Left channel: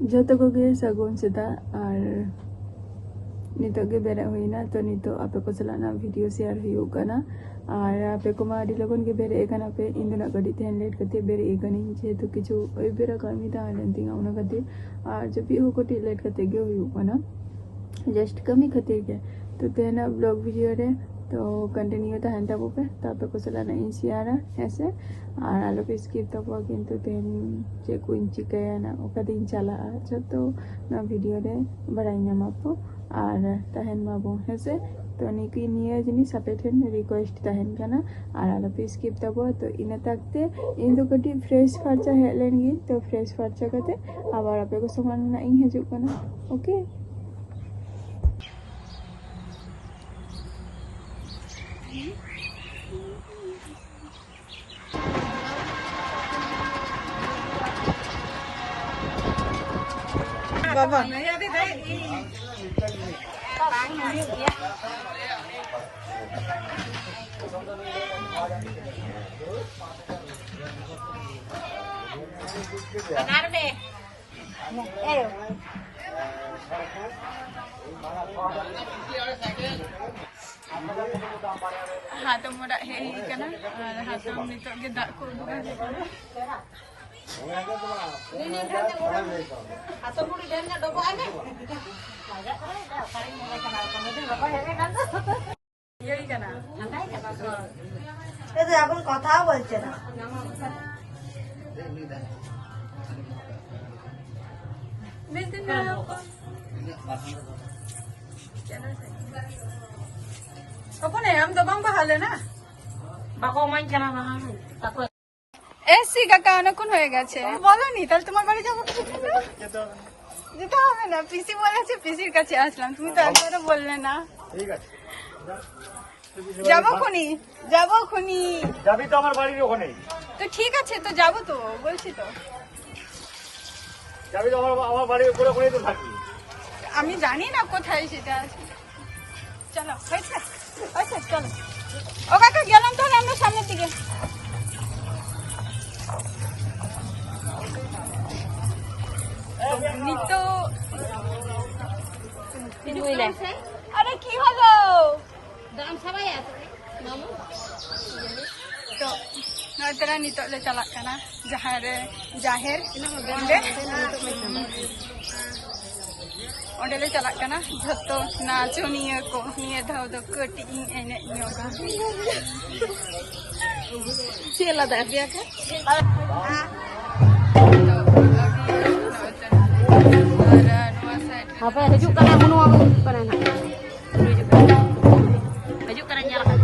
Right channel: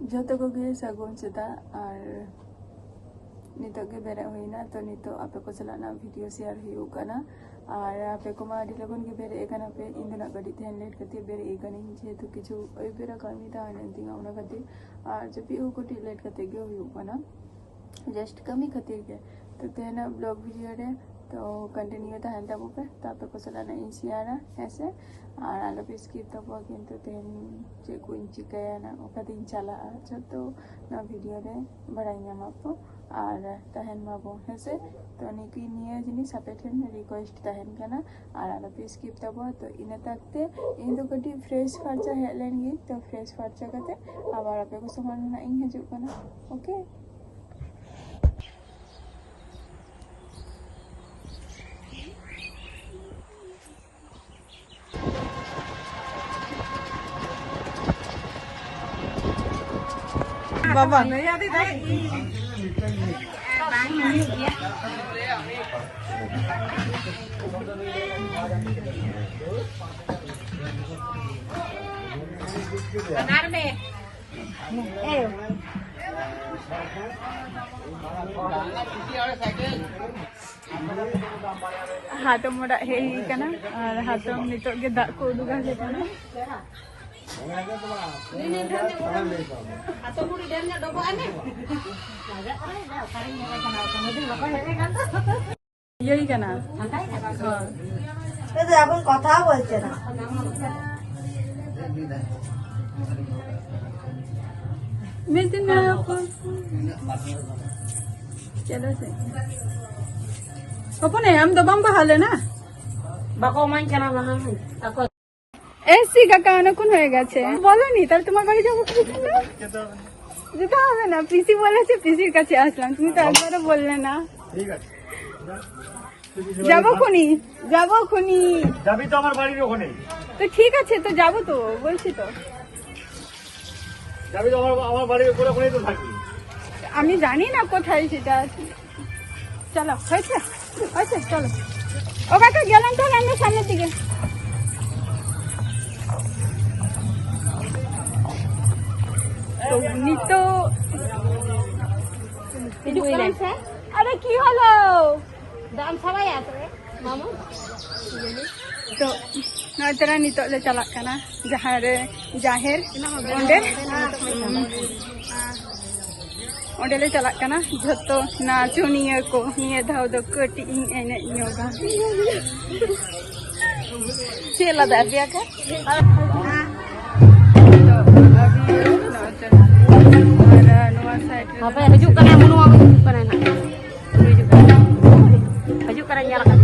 जोतो को गे सगुन सेता और नितो गे बेरे हुईना तो नितो आपे को चलाना वीडियो शेयर हुई करना और आपे को मा लगन गे बेरे एकाना पे इंदना गड़ी तेन लेट करते बेरे एकानी जेहेतु किछु ओई बेरा कामी ता लेंतिंगा उना खातिर और जब भी हो कोटी लेट करते गे हुई करना जस्ट कमी खातिर गे तो तेना ब्लॉग वीडियो रे तो कंटिन्यू तहन तब पे तापे को चलाना इन शेयर ऐसे और आलो पे स्किप तब किंतु तेन जे कुछ चिकायना ओका दिन चला तो ना वीडियो रे बड़ाई नामापो और तहन माबो हेसे तो निकी निया जिनिस आपे ठेन रिक्वेस्ट तहन कना और आलो पे स्किप तब तो इना तकते इन दो कटी फ्रेश फर्चा हेलेन गी तो फ्रेश फर्चा कते आबार आपे को समान ना इन हजु कना ओके Mama. Agar me. हाथों मोड़ा है ही क्या ना और हाथों में तो के दाग को उड़ूगा से क्या ना यही क्या ना तो अपन कथा बोलते ना मैं दिन में आपको चलो से अपन हम तो बम बहाले ना बाको मान केना महान ताको ऐसी का कान कौन हो গেছে বলো নি তাহলে তোমার বাড়ি যাব কি না যেতে হবে না পিসি বলেছে পিসির কাছে আসলাম তুমি তো একবারও বললে না ঠিক আছে যাবো খুনি যাবি তো আমার বাড়ির ওখানে তো ঠিক আছে তো যাবো তো বলছি তো যাবি তো আমার বাড়ির উপরে ওখানেই তো থাকবি আমি জানি না কোথায় সেটা আছে চলো হয়েছে আচ্ছা চলো ও কাকা গেলাম তো আমরা সামনের দিকে তো আরে কি হলো दाम सबाई আছে মামু तो नतरा नितो ले चला कना जहां रे जाहिर ओंडे ओंडे ले चला कना झतो नाचुनिया को निये धाव दो कटी एने योगा चला दादिया का तो अभी नतरा और नवा साइड रे baju keren nyalakan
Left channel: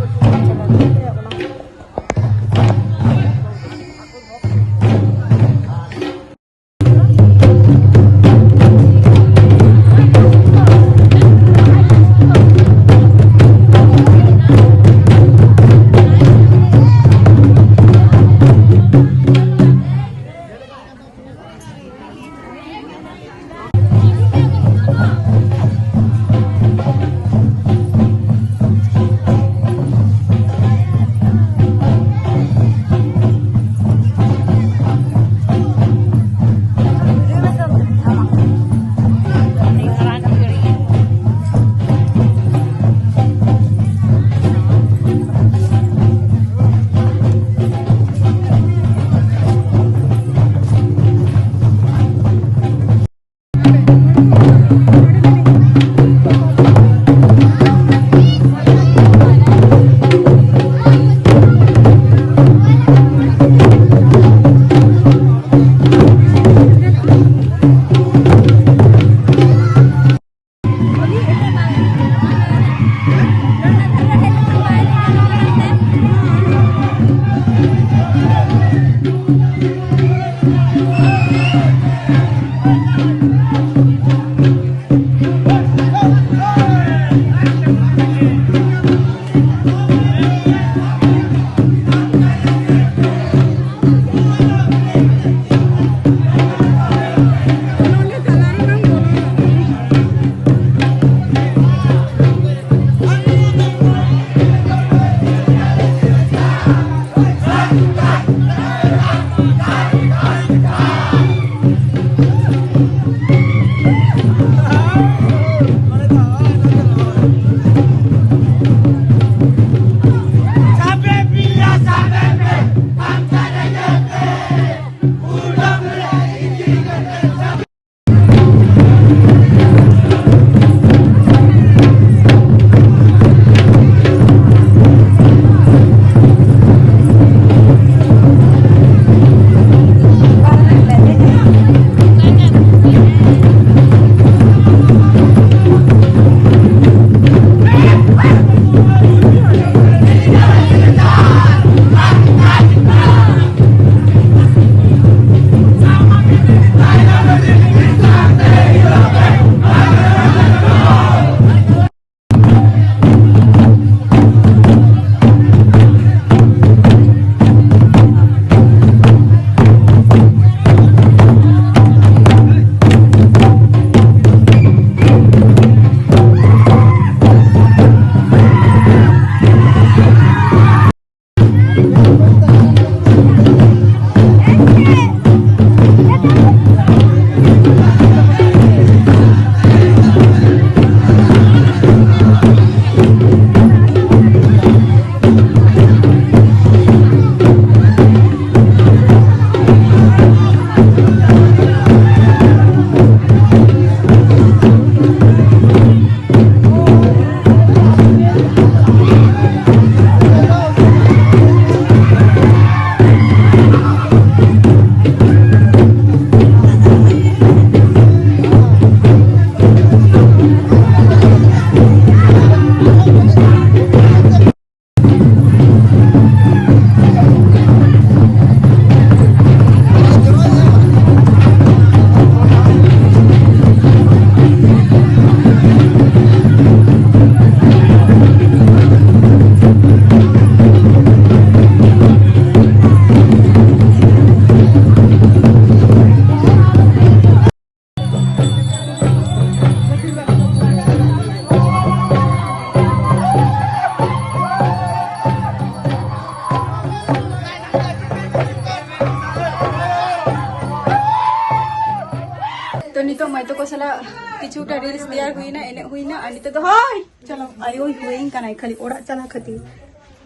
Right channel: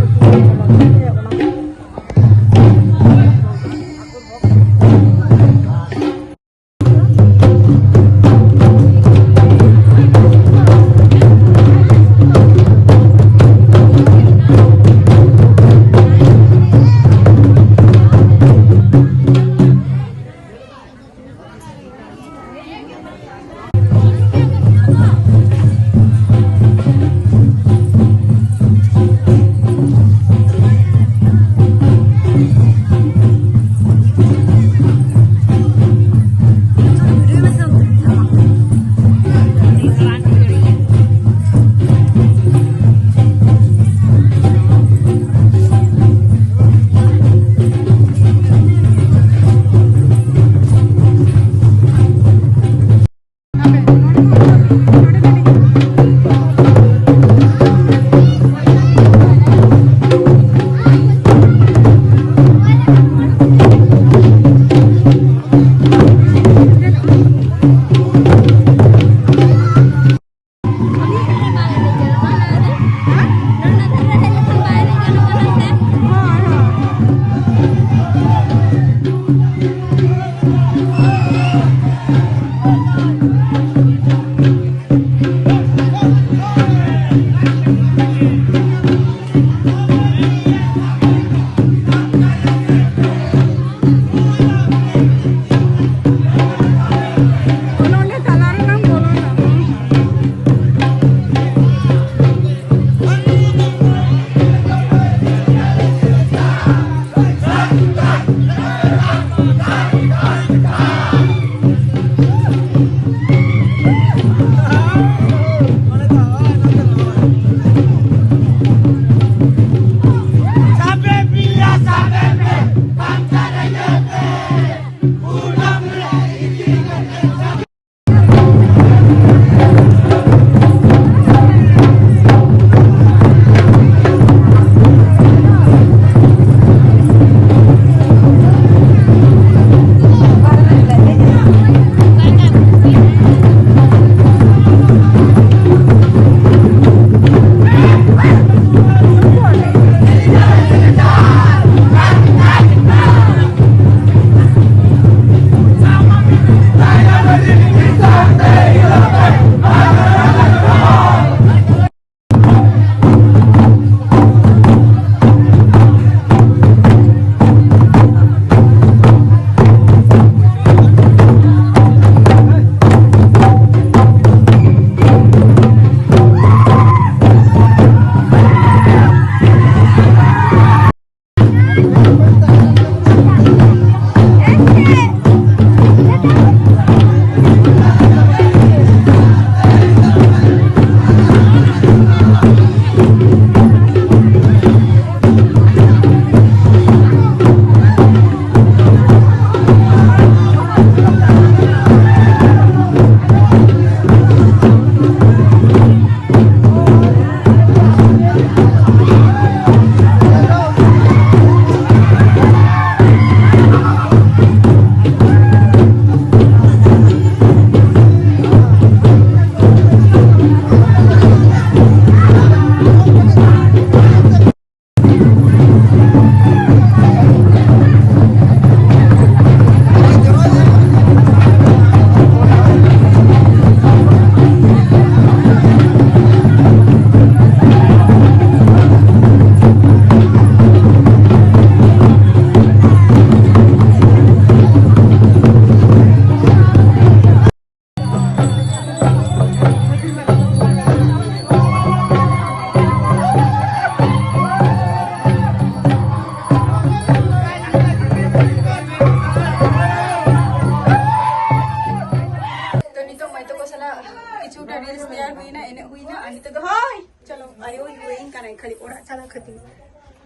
किचुटा रील्स तैयार हुई ना एने हुई ना अनि तो हाय चलो आयो हुईन कनाई खाली ओड़ा चला खती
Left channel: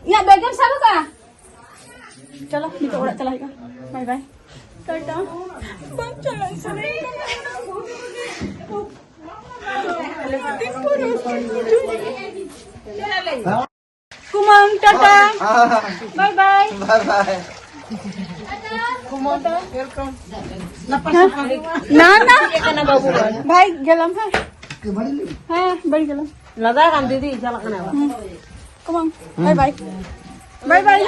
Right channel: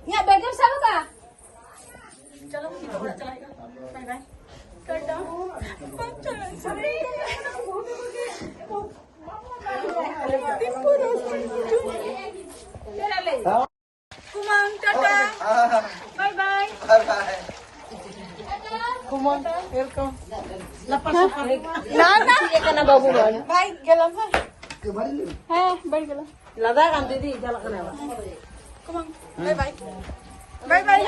या बेगम साबु का चलो नितो ओड़ा चला का बाय बाय टाटा बम चला सरे कुमांग टाटा बाय बाय Bye bye. ना ना भाई गलम है हाँ बड़ी गलम Lagay kang didi, dala ka na. कुमांग बाय बाय बाय बाय